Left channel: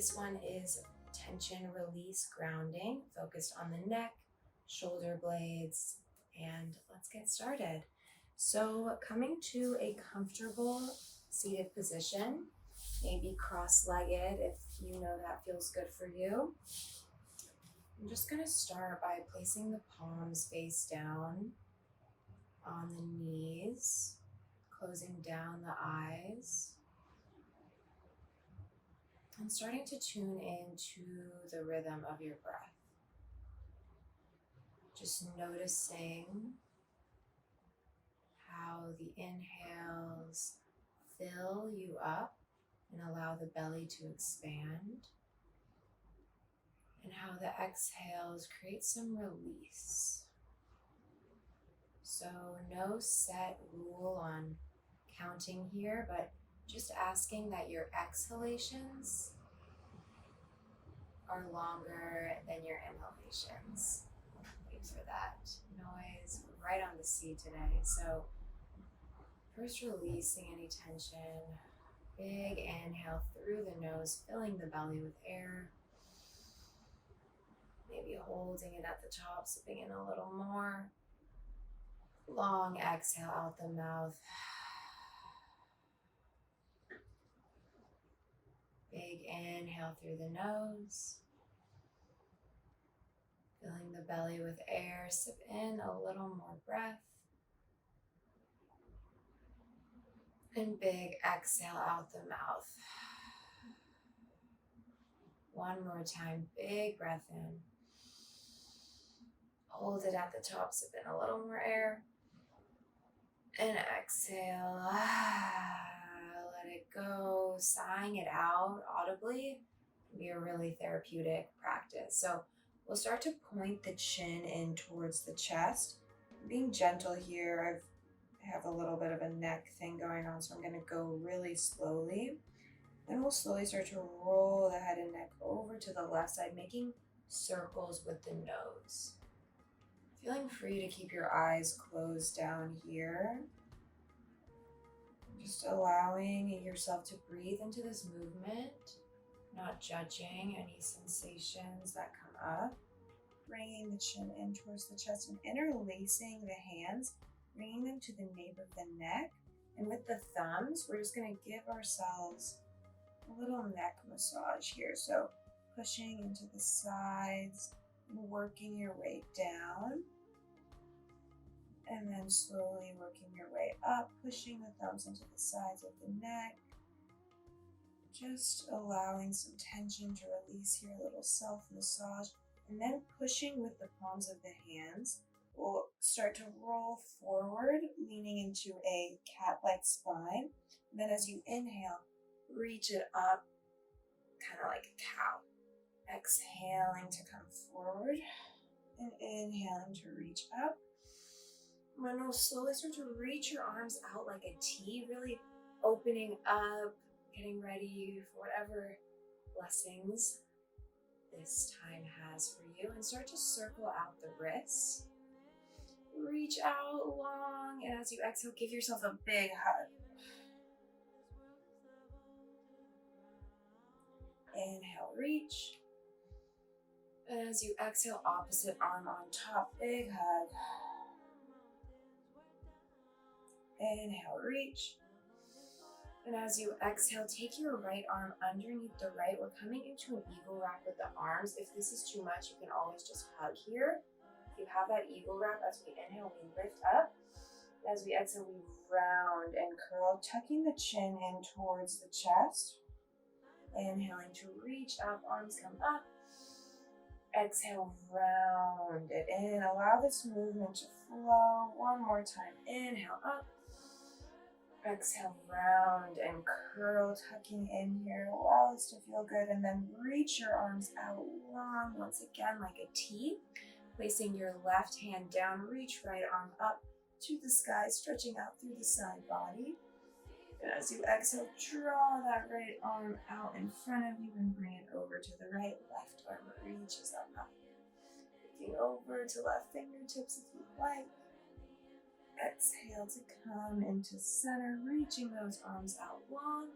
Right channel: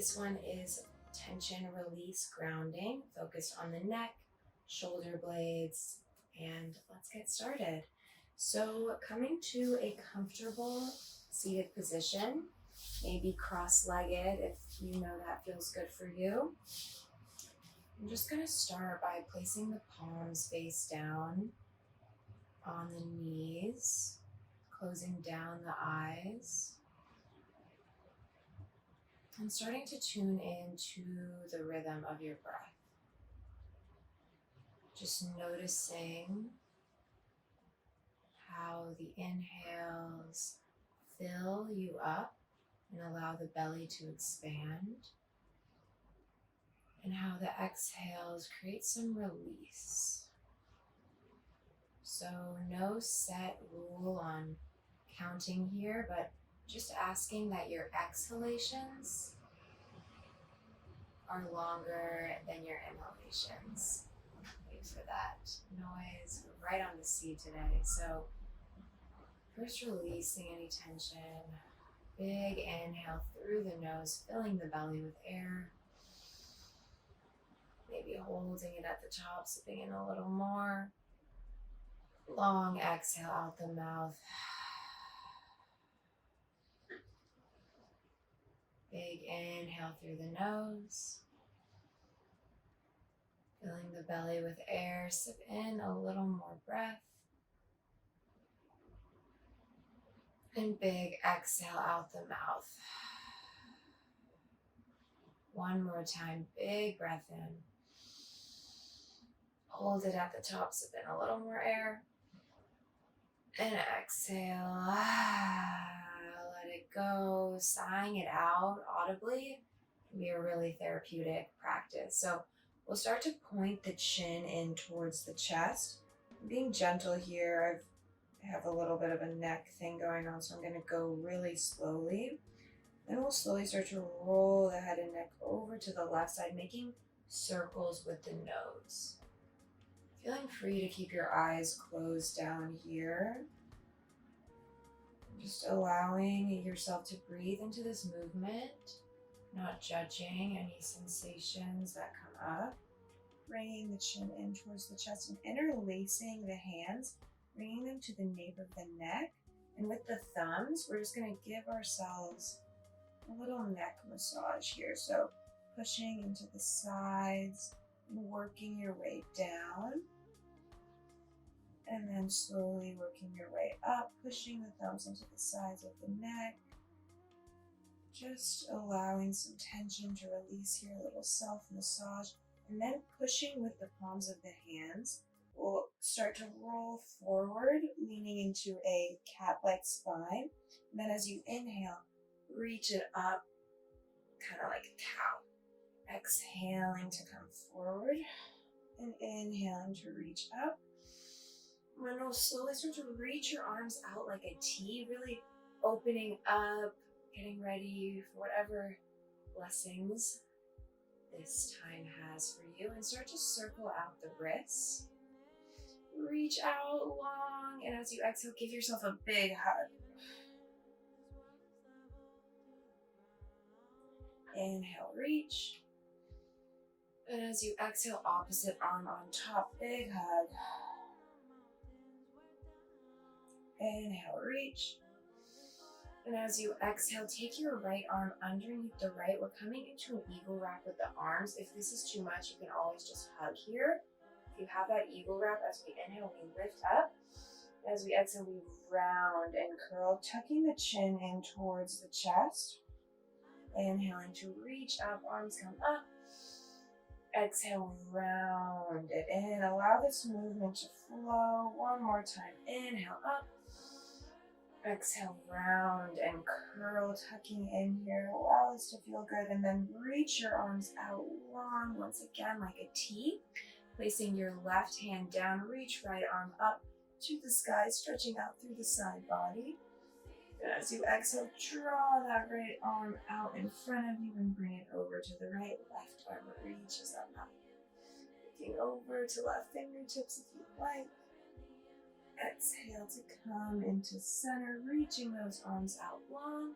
This one is tension release grounding, focused on the neck, shoulder blades, and let's get started. So coming to a comfortable seated position, maybe cross-legged if you know that feels good for you. I'm just going to start by placing the palms face down on the knees, closing down the eyes, and starting to tune into the rhythm of your breath. Just noticing how the inhales fill you up and allow the belly to expand, and how the exhales create some release. So no set rule on counting here, but just asking that your exhalations are longer than your inhalations. Wait for that noise. We're right on the C today. So first releasing any tension. Big inhale through the nose, filling the belly with air. Maybe holding it at the top, sipping in a little more. Long exhale out the mouth. Big inhale through the nose. Filling the belly with air, sip in a little more breath. And big exhale out the mouth. One more time, big breath in. Hold it at the top, sip in a little more air. And exhale, let it go. Sighing it out audibly can be a really therapeutic practice. So we'll start to point the chin in towards the chest. I'm being gentle here. I have a little bit of a neck thing going on, so I'm going to go really slowly. Then we'll slowly start to roll the head and neck over to the left side, making circles with the nose. Feeling free to keep your eyes closed down here. Just allowing yourself to breathe into this movement, not judging any sensations that come up. Bringing the chin in towards the chest and interlacing the hands, bringing them to the nape of the neck. And with the thumbs, we're just going to give ourselves a little neck massage here. So pushing into the sides, working your way down, and then slowly working your way up, pushing the thumbs into the sides of the neck, just allowing some tension to release here, a little self-massage, and then pushing with the palms of the hands. We'll start to roll forward, leaning into a cat-like spine, and then as you inhale, reach it up, kind of like a cow. Exhaling to come forward and inhaling to reach up. And then we'll slowly start to reach your arms out like a T, really opening up, getting ready for whatever blessings this time has for you. And start to circle out the wrists. Reach out long, and as you exhale, give yourself a big hug. Inhale, reach. And as you exhale, opposite arm on top, big hug. Inhale, reach. And as you exhale, take your right arm underneath the right. We're coming into an eagle wrap with the arms. If this is too much, you can always just hug here. If you have that eagle wrap, as we inhale, we lift up. As we exhale, we round and curl, tucking the chin in towards the chest. Inhaling to reach up, arms come up. Exhale, round it in. Allow this movement to flow. One more time. Inhale, up. Exhale, round and curl, tucking in here. Allow this to feel good. And then reach your arms out long, once again, like a T. Placing your left hand down, reach right arm up to the sky, stretching out through the side body. And as you exhale, draw that right arm out in front of you and bring it over to the right. Left arm reaches up high. Looking over to left fingertips if you like. Exhale to come into center, reaching those arms out long.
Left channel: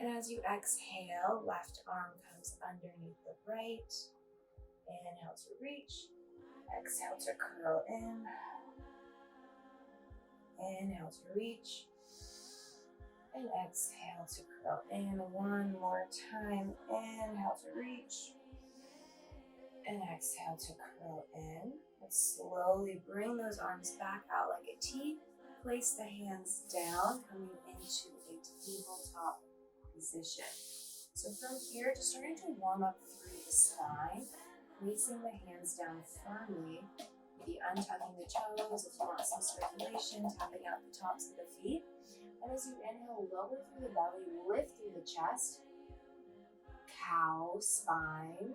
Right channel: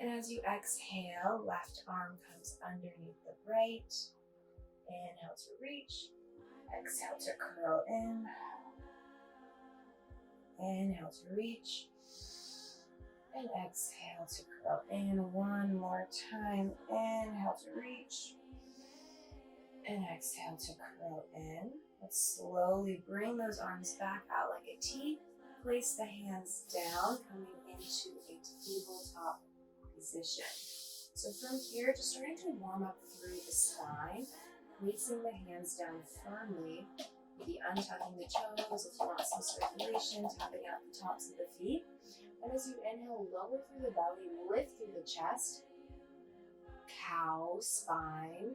And as you exhale, left arm comes underneath the right. Inhale to reach. Exhale to curl in. Inhale to reach. And exhale to curl in. One more time. Inhale to reach. And exhale to curl in. Let's slowly bring those arms back out like a T. Place the hands down, coming into a tabletop position. So from here, just starting to warm up through the spine, placing the hands down firmly, maybe untucking the toes if you want some circulation, tapping out the tops of the feet. And as you inhale, lower through the belly, lift through the chest, cow, spine.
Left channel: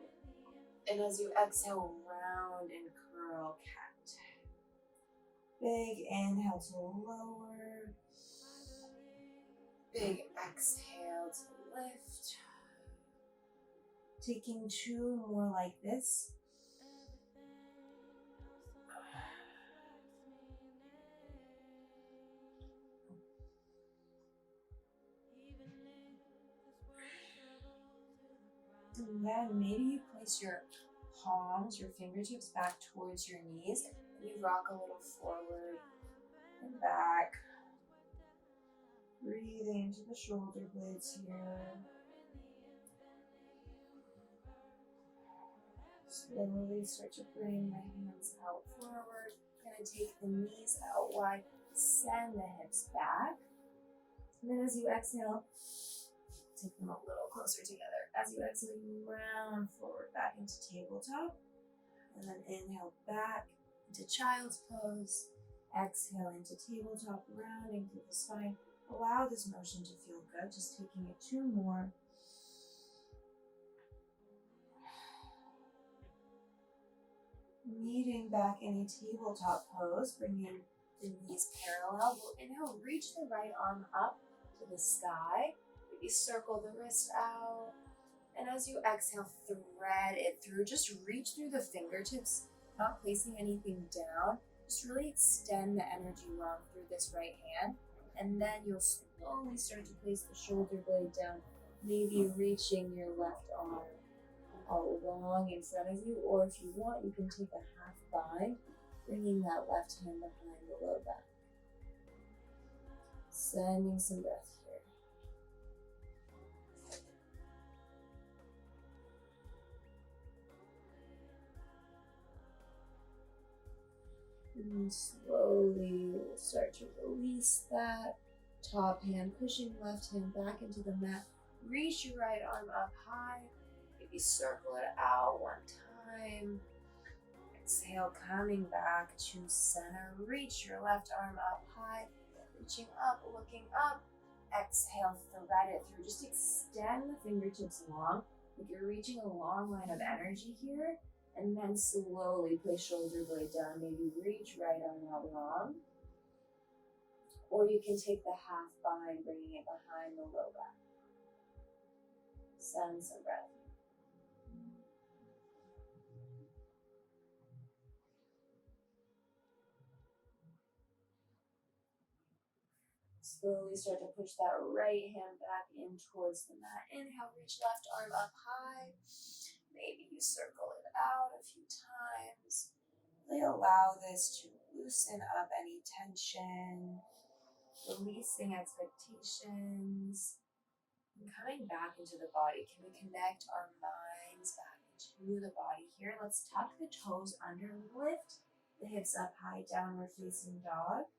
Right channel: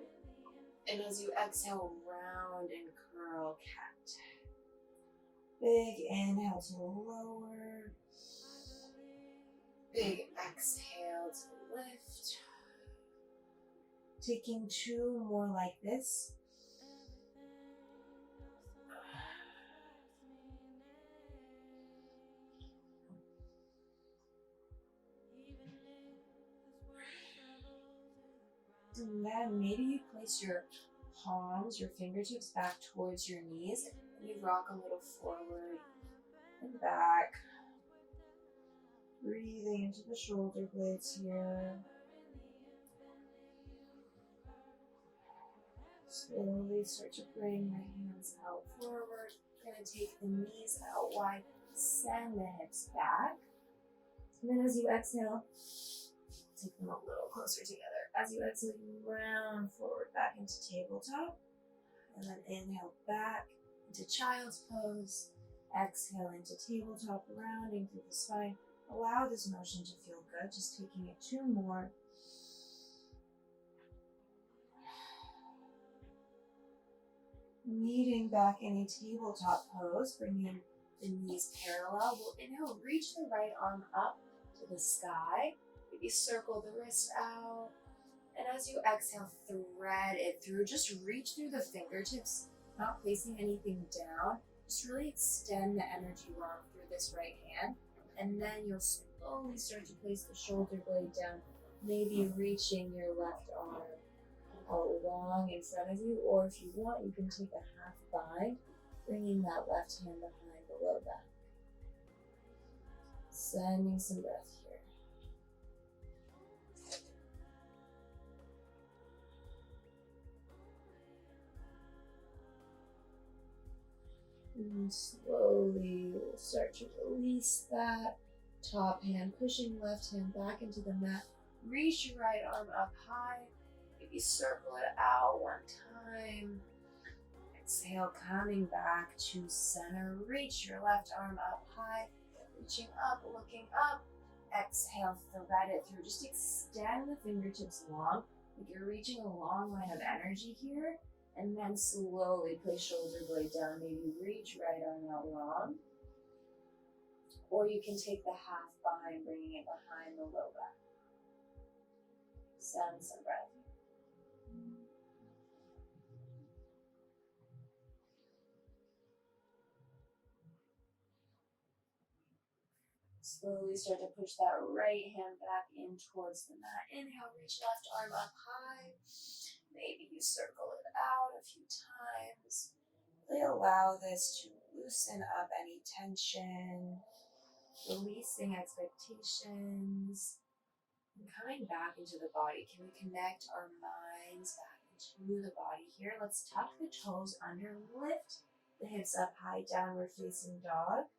And as you exhale, round and curl, cat. Big inhale to lower. Big exhale to lift. Taking two more like this. And then maybe you place your palms, your fingertips back towards your knees. And you rock a little forward and back. Breathing into the shoulder blades here. Slowly start to bring my hands out forward. I'm going to take the knees out wide, send the hips back. And then as you exhale, take them a little closer together. As you exhale, you round forward back into tabletop. And then inhale back into child's pose. Exhale into tabletop, rounding through the spine. Allow this motion to feel good. Just taking it two more. Meeting back in a tabletop pose, bringing the knees parallel. We'll inhale, reach the right arm up to the sky. Maybe circle the wrist out. And as you exhale, thread it through. Just reach through the fingertips, not placing anything down. Just really extend the energy long through this right hand. And then you'll slowly start to place the shoulder blade down, maybe reaching your left arm along in front of you, or if you want, you can take a half bind, bringing that left hand behind the low back. Sending some breath here. And slowly we'll start to release that top hand, pushing left hand back into the mat. Reach your right arm up high. Maybe circle it out one time. Exhale, coming back to center. Reach your left arm up high. Reaching up, looking up. Exhale, thread it through. Just extend the fingertips long. Like you're reaching a long line of energy here. And then slowly place shoulder blade down. Maybe reach right arm out long. Or you can take the half bind, bringing it behind the low back. Send some breath. Slowly start to push that right hand back in towards the mat. Inhale, reach left arm up high. Maybe you circle it out a few times. Really allow this to loosen up any tension, releasing expectations, and coming back into the body. Can we connect our minds back into the body here? Let's tuck the toes under, lift the hips up high, downward facing dog.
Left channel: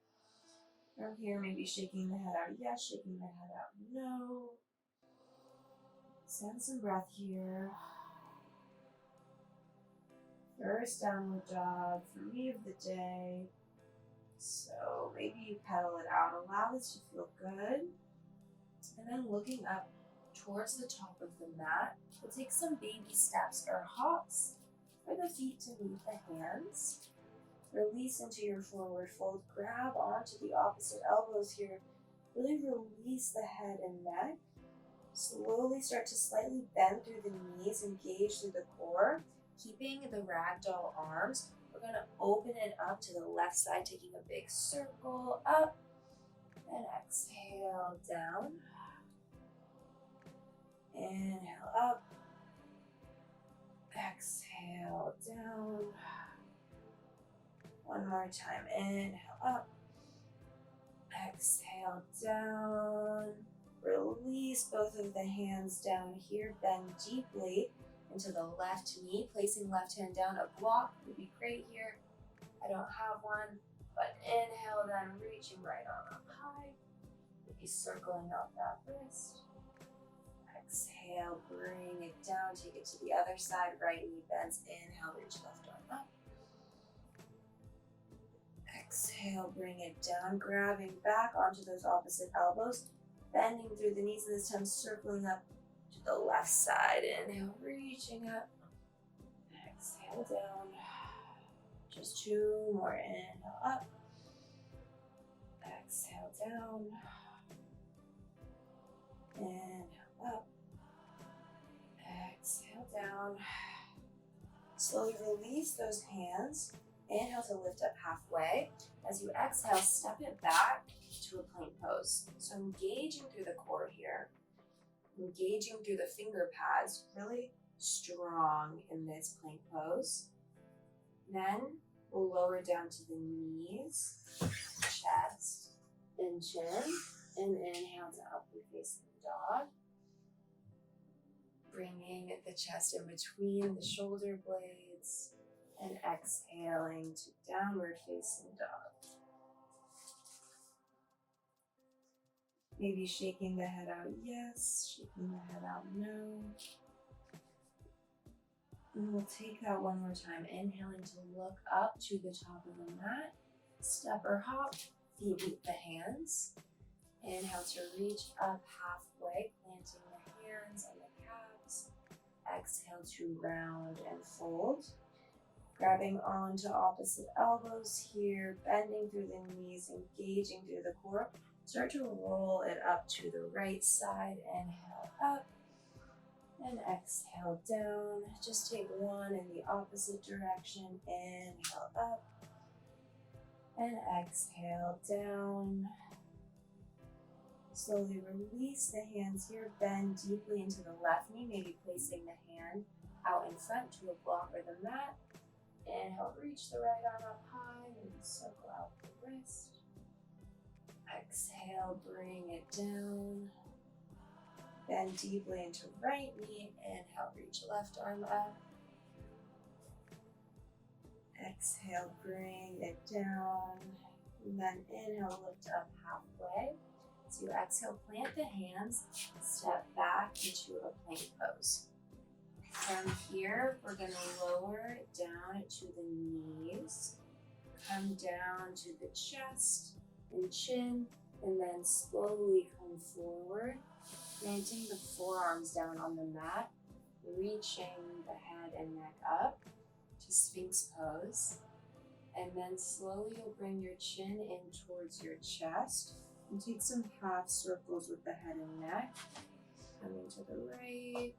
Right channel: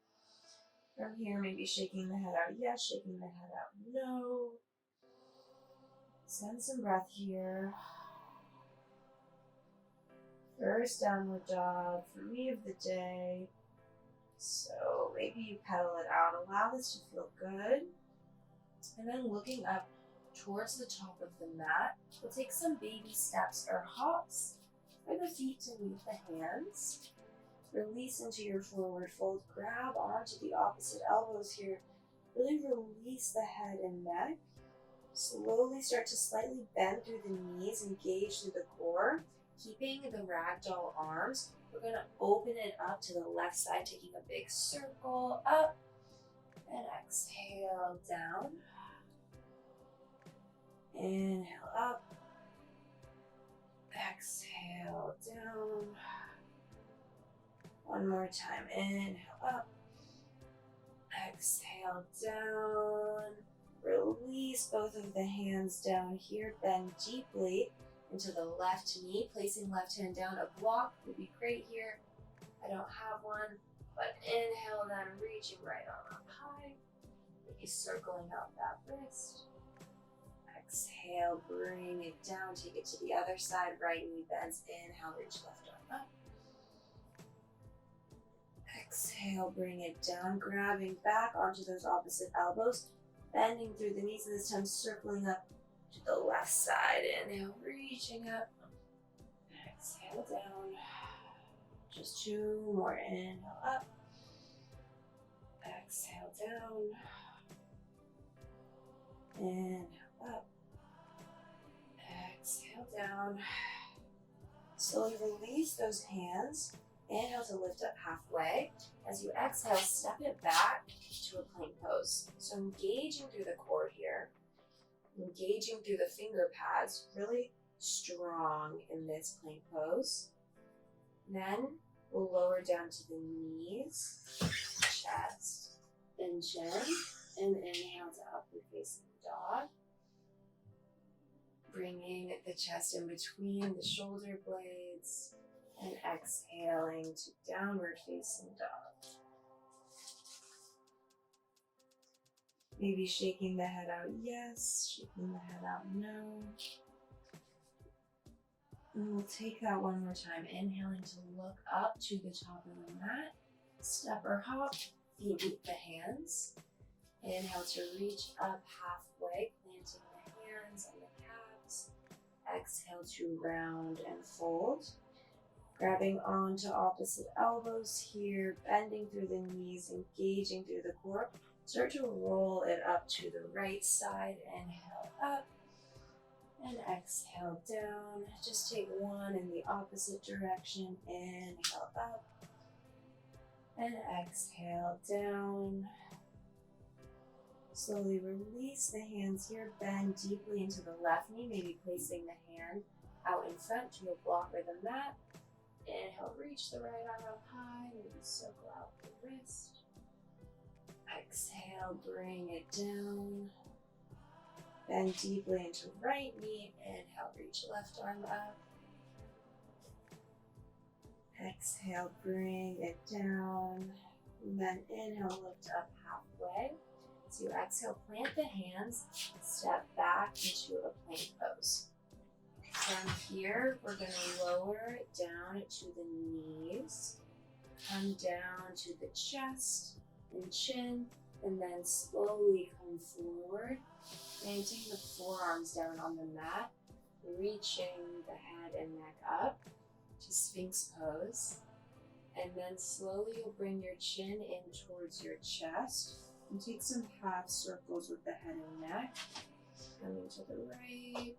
From here, maybe shaking the head out, yes, shaking the head out, no. Send some breath here. First downward dog for me of the day. So maybe you pedal it out. Allow this to feel good. And then looking up towards the top of the mat, we'll take some baby steps or hops for the feet to meet the hands. Release into your forward fold. Grab onto the opposite elbows here. Really release the head and neck. Slowly start to slightly bend through the knees, engage through the core. Keeping the ragdoll arms, we're going to open it up to the left side, taking a big circle up. And exhale down. Inhale up. Exhale down. One more time. Inhale up. Exhale down. Release both of the hands down here. Bend deeply into the left knee. Placing left hand down. A block would be great here. I don't have one, but inhale, then reaching right arm up high. Maybe circling out that wrist. Exhale, bring it down. Take it to the other side. Right knee bends. Inhale, reach left arm up. Exhale, bring it down, grabbing back onto those opposite elbows, bending through the knees, and this time circling up to the left side. Inhale, reaching up. Exhale down. Just two more. Inhale up. Exhale down. Inhale up. Exhale down. Slowly release those hands. Inhale to lift up halfway. As you exhale, step it back to a plank pose. So engaging through the core here, engaging through the finger pads, really strong in this plank pose. Then we'll lower down to the knees, chest, and chin, and inhale to upward facing dog. Bringing the chest in between the shoulder blades. And exhaling to downward facing dog. Maybe shaking the head out yes, shaking the head out no. And we'll take that one more time. Inhaling to look up to the top of the mat. Step or hop, feet meet the hands. Inhale to reach up halfway, planting the hands on the calves. Exhale to round and fold. Grabbing onto opposite elbows here, bending through the knees, engaging through the core. Start to roll it up to the right side. Inhale up and exhale down. Just take one in the opposite direction. Inhale up and exhale down. Slowly release the hands here. Bend deeply into the left knee, maybe placing the hand out in front to a block or the mat. Inhale, reach the right arm up high, maybe circle out the wrist. Exhale, bring it down. Bend deeply into right knee. Inhale, reach left arm up. Exhale, bring it down. And then inhale, lift up halfway. So you exhale, plant the hands, step back into a plank pose. From here, we're going to lower it down to the knees, come down to the chest and chin, and then slowly come forward, planting the forearms down on the mat, reaching the head and neck up to Sphinx pose. And then slowly you'll bring your chin in towards your chest and take some half circles with the head and neck. Coming to the right.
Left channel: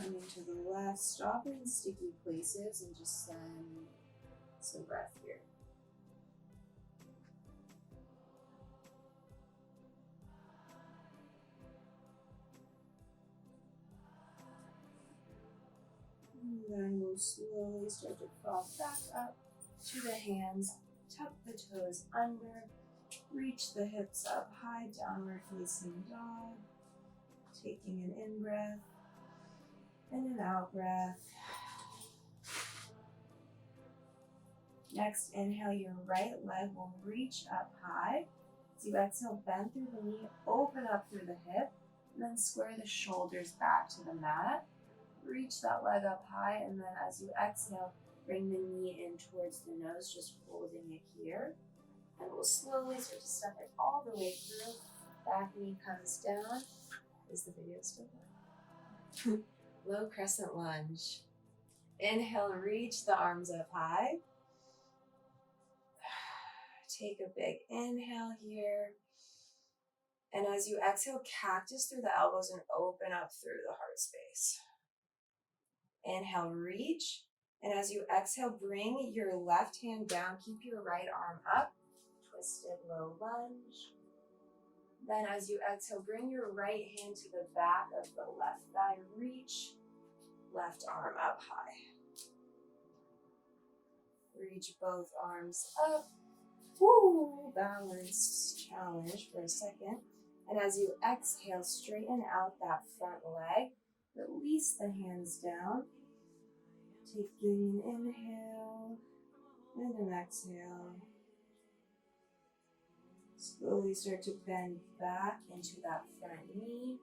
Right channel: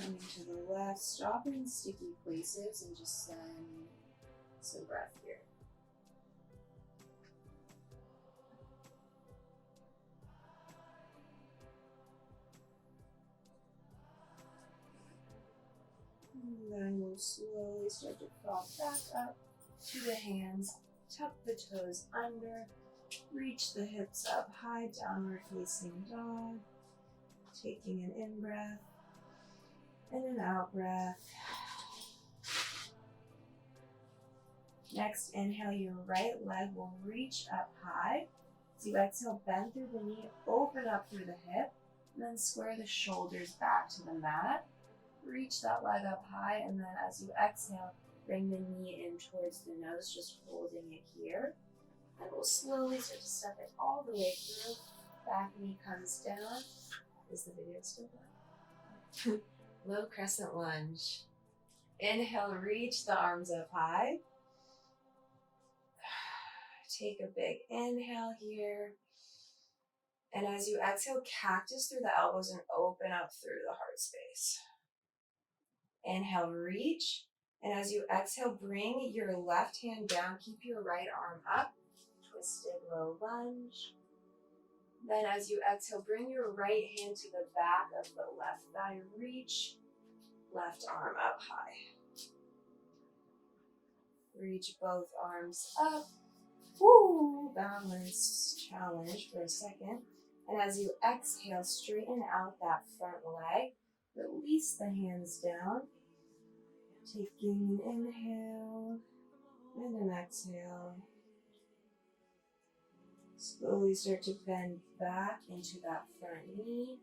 Coming to the left, stop in sticky places and just send some breath here. And then we'll slowly start to crawl back up to the hands, tuck the toes under, reach the hips up high, downward facing dog, taking an in breath. And an out breath. Next, inhale, your right leg will reach up high. As you exhale, bend through the knee, open up through the hip, and then square the shoulders back to the mat. Reach that leg up high, and then as you exhale, bring the knee in towards the nose, just holding it here. And we'll slowly start to step it all the way through. Back knee comes down. Is the video still on? Low crescent lunge. Inhale, reach the arms up high. Take a big inhale here. And as you exhale, cactus through the elbows and open up through the heart space. Inhale, reach. And as you exhale, bring your left hand down. Keep your right arm up. Twisted low lunge. Then as you exhale, bring your right hand to the back of the left thigh. Reach left arm up high. Reach both arms up. Woo! Balance challenge for a second. And as you exhale, straighten out that front leg. Release the hands down. Taking an inhale and an exhale. Slowly start to bend back into that front knee.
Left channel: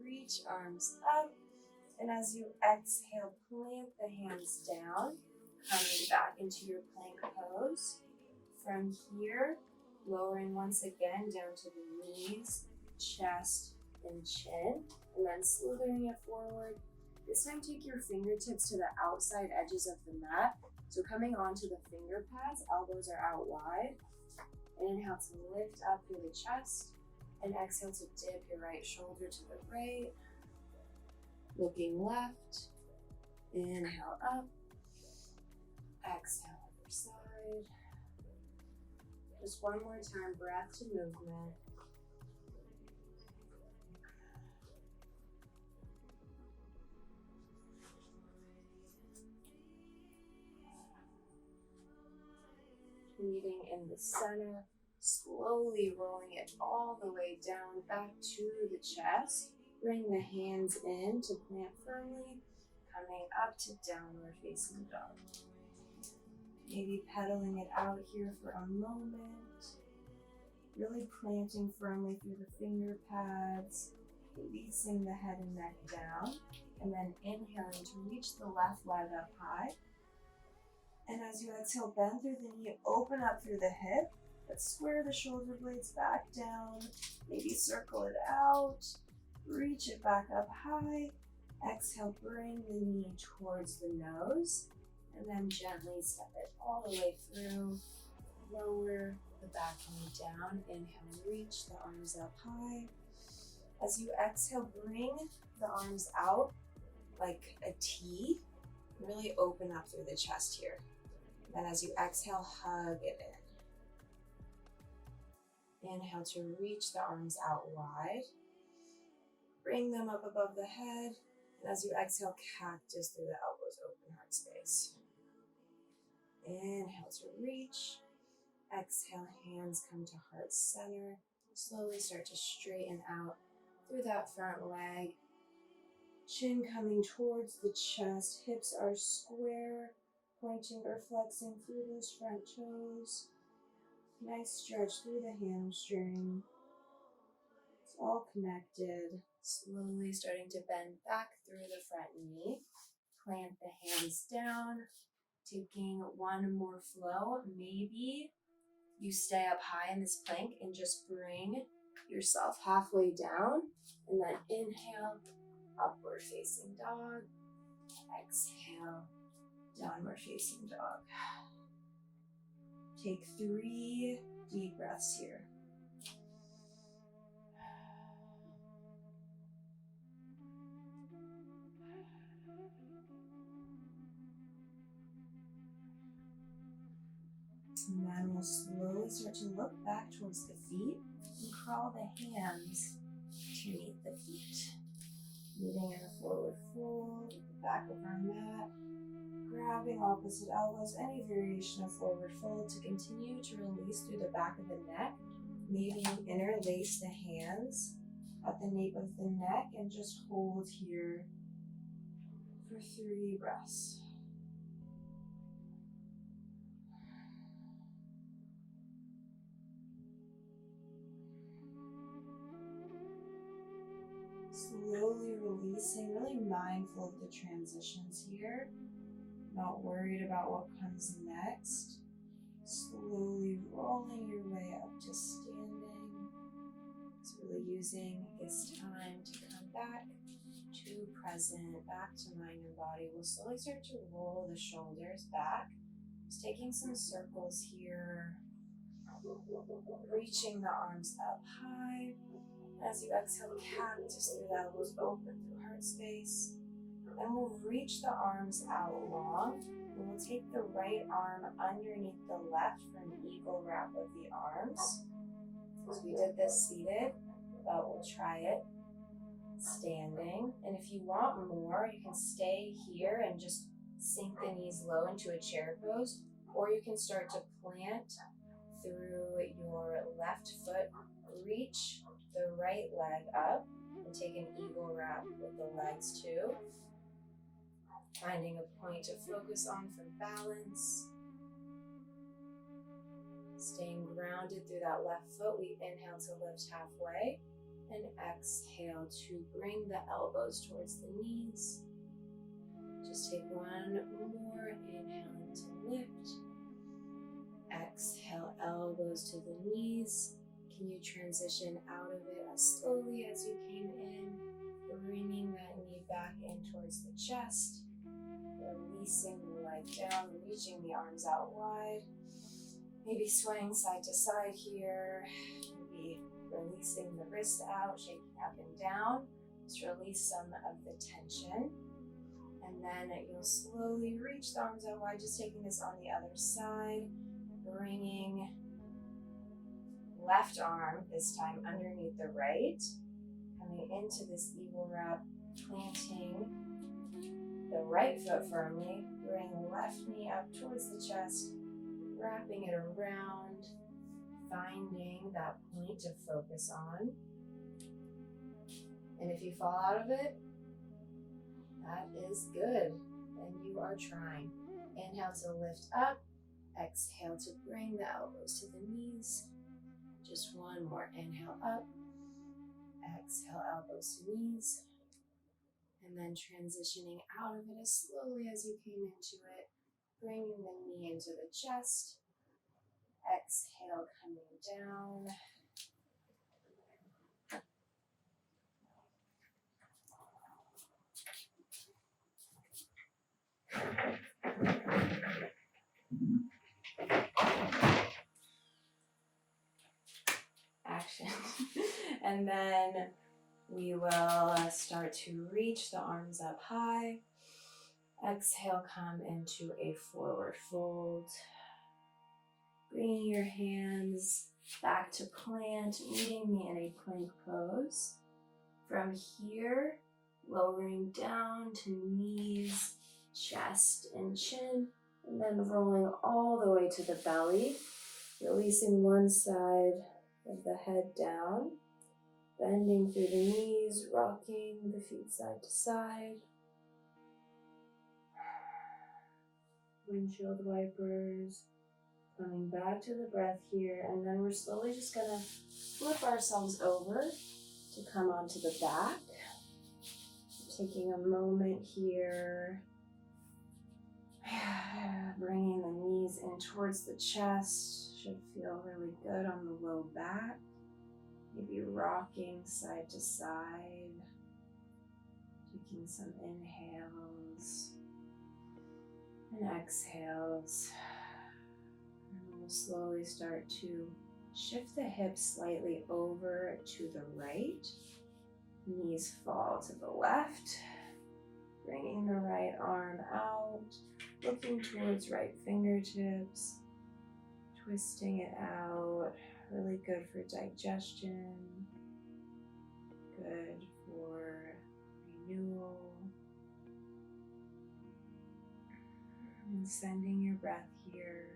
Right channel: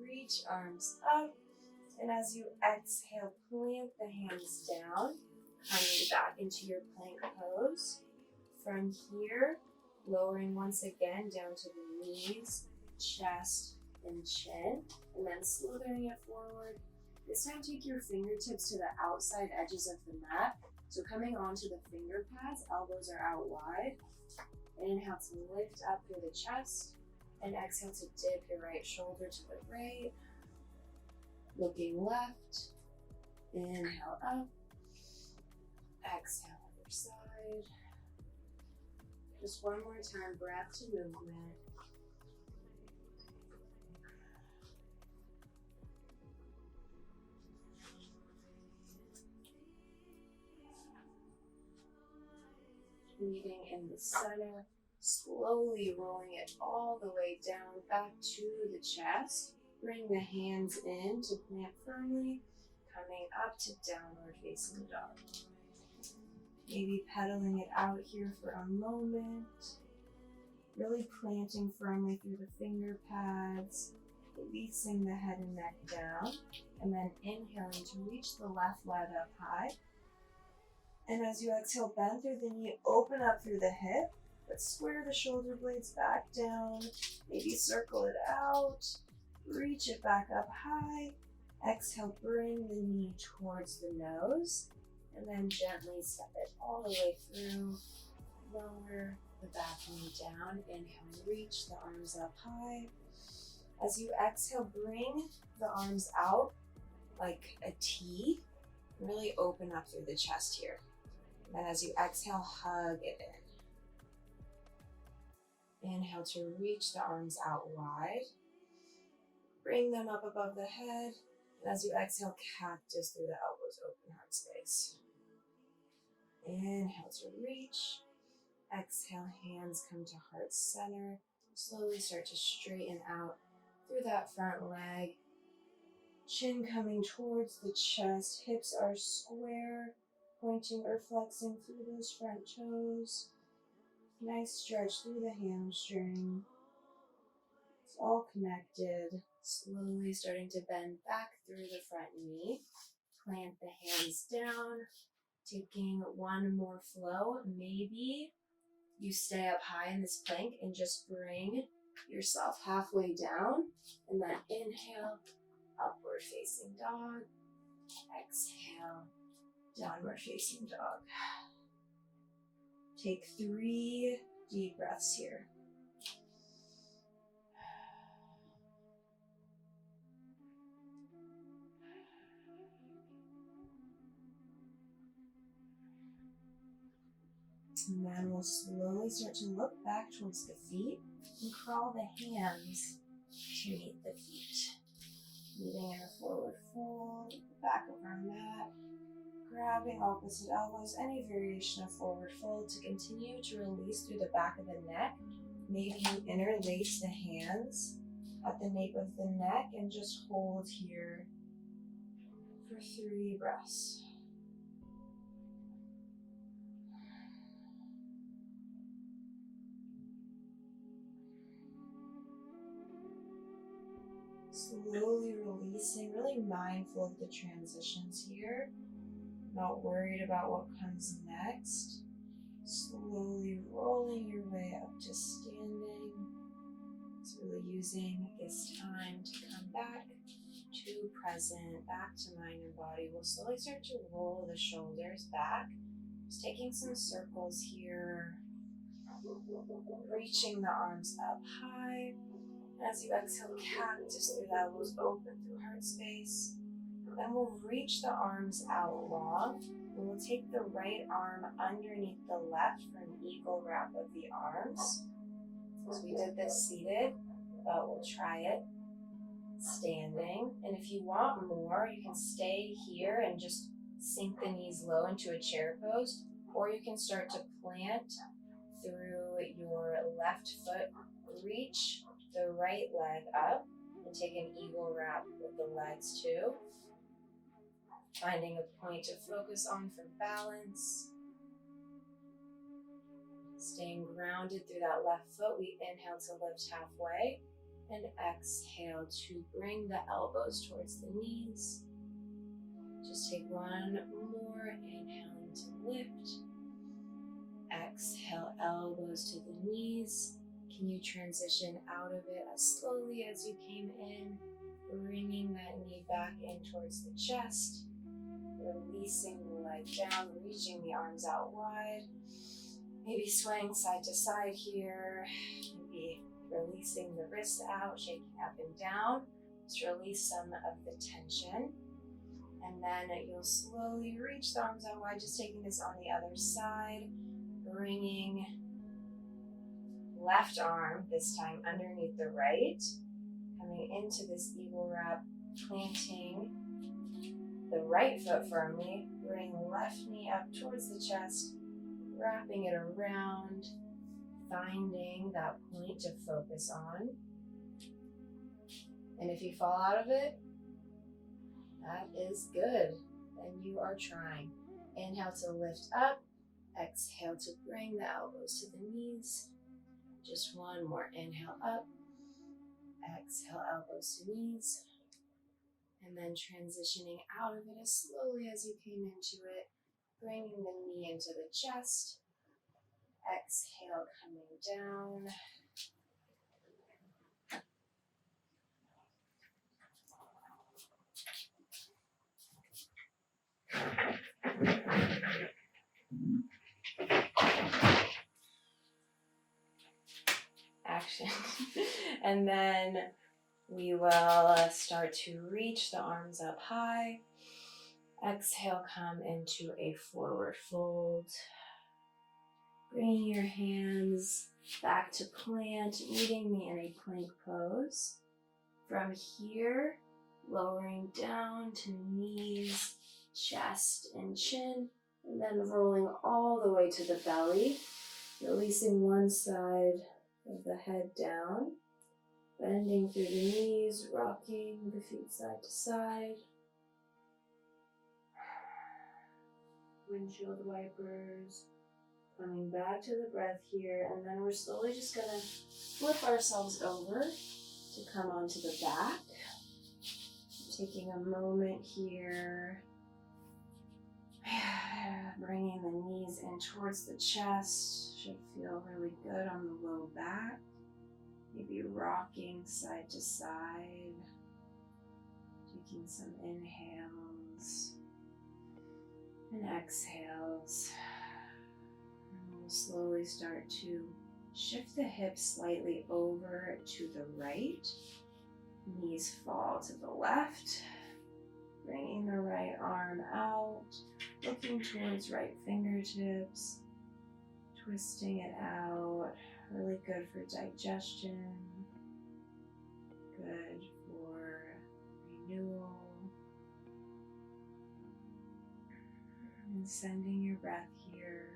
Reach arms up. And as you exhale, plant the hands down, coming back into your plank pose. From here, lowering once again down to the knees, chest, and chin, and then slithering it forward. This time, take your fingertips to the outside edges of the mat. So coming onto the finger pads, elbows are out wide. Inhale to lift up through the chest, and exhale to dip your right shoulder to the right. Looking left, inhale up, exhale other side. Just one more time, breath to movement. Meeting in the center, slowly rolling it all the way down back to the chest. Bring the hands in to plant firmly, coming up to downward facing dog. Maybe pedaling it out here for a moment. Really planting firmly through the finger pads, releasing the head and neck down, and then inhaling to reach the left leg up high. And as you exhale, bend through the knee, open up through the hip, but square the shoulder blades back down. Maybe circle it out, reach it back up high. Exhale, bring the knee towards the nose, and then gently step it all the way through. Lower the back knee down. Inhale, reach the arms up high. As you exhale, bring the arms out like a T. Really open up through the chest here. And as you exhale, hug it in. Inhale to reach the arms out wide. Bring them up above the head. And as you exhale, cactus through the elbows, open heart space. Inhale to reach. Exhale, hands come to heart center. Slowly start to straighten out through that front leg. Chin coming towards the chest. Hips are square, pointing or flexing through those front toes. Nice stretch through the hamstring. It's all connected. Slowly starting to bend back through the front knee. Plant the hands down. Taking one more flow. Maybe you stay up high in this plank and just bring yourself halfway down. And then inhale, upward facing dog. Exhale, downward facing dog. Take 3 deep breaths here. And then we'll slowly start to look back towards the feet and crawl the hands to meet the feet. Meeting in a forward fold, back of our mat. Grabbing opposite elbows, any variation of forward fold to continue to release through the back of the neck. Maybe you interlace the hands at the nape of the neck and just hold here for 3 breaths. Slowly releasing, really mindful of the transitions here. Not worried about what comes next. Slowly rolling your way up to standing. It's really using this time to come back to present, back to mind and body. We'll slowly start to roll the shoulders back. Just taking some circles here. Reaching the arms up high. As you exhale, cactus through the elbows, open through heart space. Then we'll reach the arms out long. And we'll take the right arm underneath the left for an eagle wrap of the arms. So we did this seated. but we'll try it standing. And if you want more, you can stay here and just sink the knees low into a chair pose, or you can start to plant through your left foot, reach the right leg up, and take an eagle wrap with the legs too. Finding a point to focus on for balance. Staying grounded through that left foot, we inhale to lift halfway and exhale to bring the elbows towards the knees. Just take one more inhale to lift. Exhale, elbows to the knees. Can you transition out of it as slowly as you came in, bringing that knee back in towards the chest, releasing the leg down, reaching the arms out wide, maybe swaying side to side here, maybe releasing the wrists out, shaking up and down. Just release some of the tension. And then you'll slowly reach the arms out wide, just taking this on the other side, bringing left arm, this time underneath the right, coming into this eagle wrap, planting the right foot firmly, bring left knee up towards the chest, wrapping it around, finding that point to focus on. And if you fall out of it, that is good, and you are trying. Inhale to lift up, exhale to bring the elbows to the knees. Just one more inhale up, exhale elbows to knees, and then transitioning out of it as slowly as you came into it, bringing the knee into the chest, exhale coming down. Action. And then we will start to reach the arms up high. Exhale, come into a forward fold. Bringing your hands back to plant, meeting me in a plank pose. From here, lowering down to knees, chest, and chin, and then rolling all the way to the belly, releasing one side of the head down, bending through the knees, rocking the feet side to side. Windshield wipers, coming back to the breath here, and then we're slowly just gonna flip ourselves over to come onto the back. Taking a moment here, bringing the knees in towards the chest, should feel really good on the low back. Maybe rocking side to side, taking some inhales and exhales. And we'll slowly start to shift the hips slightly over to the right. Knees fall to the left. Bringing the right arm out, looking towards right fingertips, twisting it out. Really good for digestion, good for renewal. And sending your breath here.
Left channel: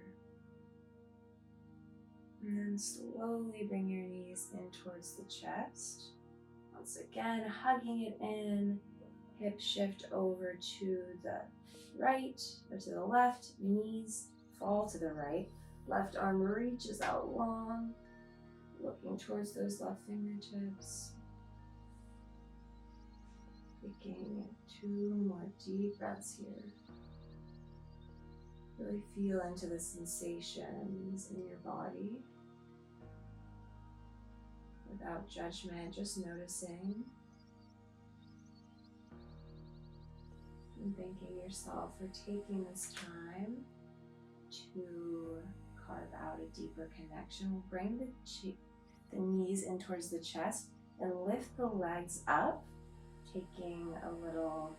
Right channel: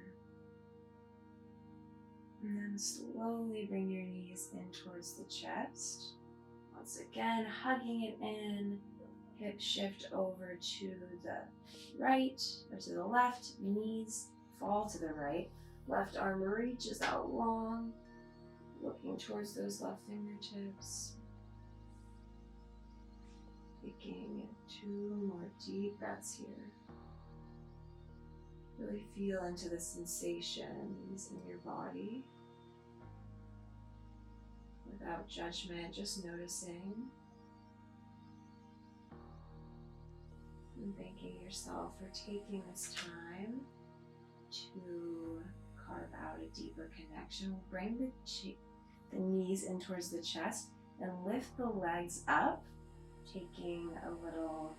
And then slowly bring your knees in towards the chest. Once again, hugging it in. Hip shift over to the right or to the left. Knees fall to the right. Left arm reaches out long, looking towards those left fingertips. Taking 2 more deep breaths here. Really feel into the sensations in your body. Without judgment, just noticing. And thanking yourself for taking this time to carve out a deeper connection. We'll bring the knees in towards the chest and lift the legs up, taking a little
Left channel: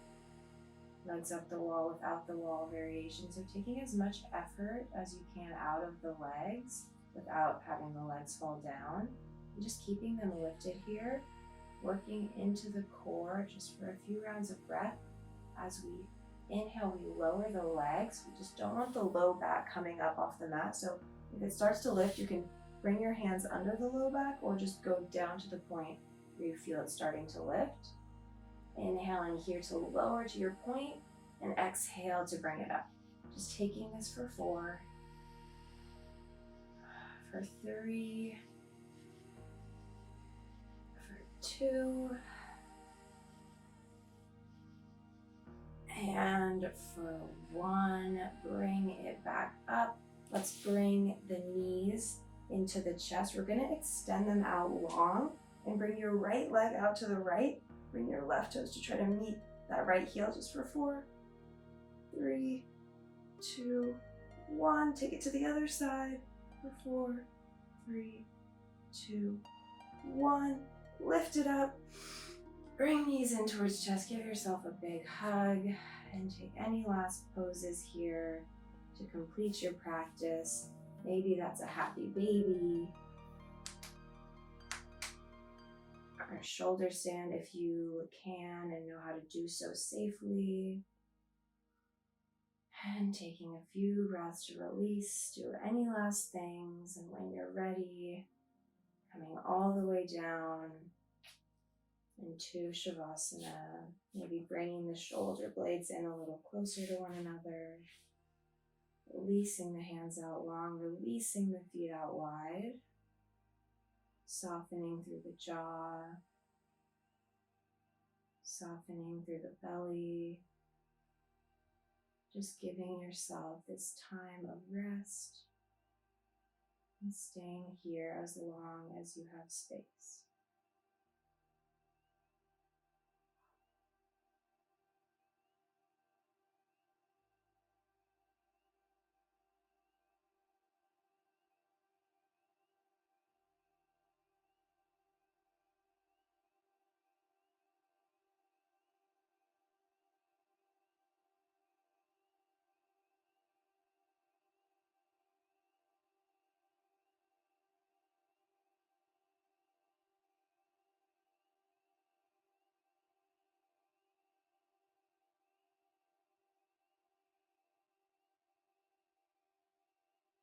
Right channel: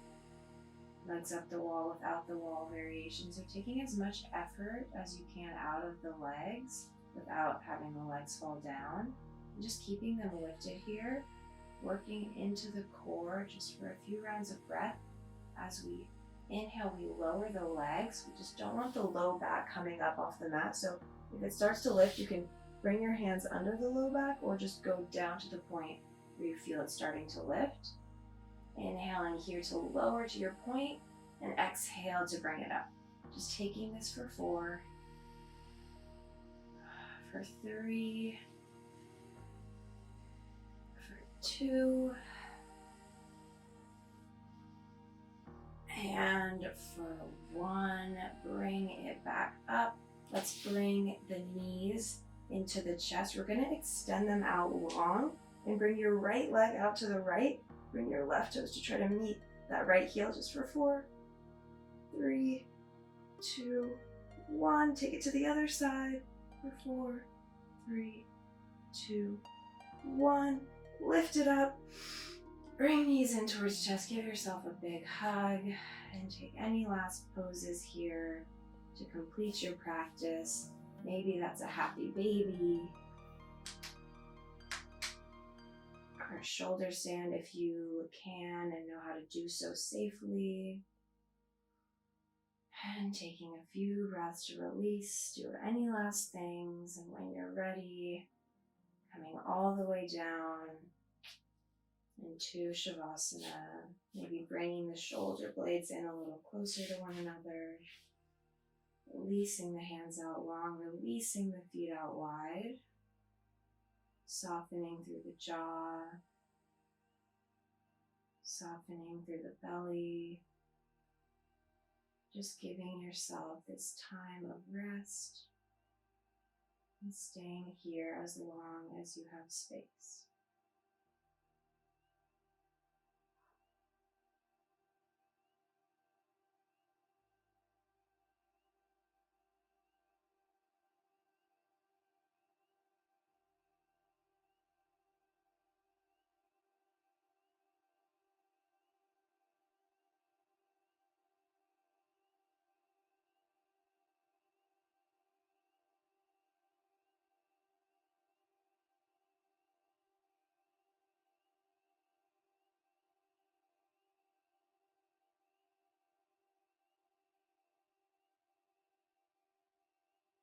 legs up the wall without the wall variation. So taking as much effort as you can out of the legs without having the legs fall down. And just keeping them lifted here, working into the core just for a few rounds of breath. As we inhale, we lower the legs. We just don't want the low back coming up off the mat. So if it starts to lift, you can bring your hands under the low back or just go down to the point where you feel it starting to lift. Inhaling here to lower to your point, and exhale to bring it up. Just taking this for 4, for 3, for 2, and for 1. Bring it back up. Let's bring the knees into the chest. We're gonna extend them out long and bring your right leg out to the right. Bring your left toes to try to meet that right heel just for 4, 3, 2, 1. Take it to the other side for 4, 3, 2, 1. Lift it up. Bring knees in towards chest. Give yourself a big hug and take any last poses here to complete your practice. Maybe that's a happy baby, or a shoulder stand if you can and know how to do so safely. And taking a few breaths to release, do any last things, and when you're ready, coming all the way down into Shavasana, maybe bringing the shoulder blades in a little closer to one another, releasing the hands out long, releasing the feet out wide, softening through the jaw, softening through the belly, just giving yourself this time of rest and staying here as long as you have space.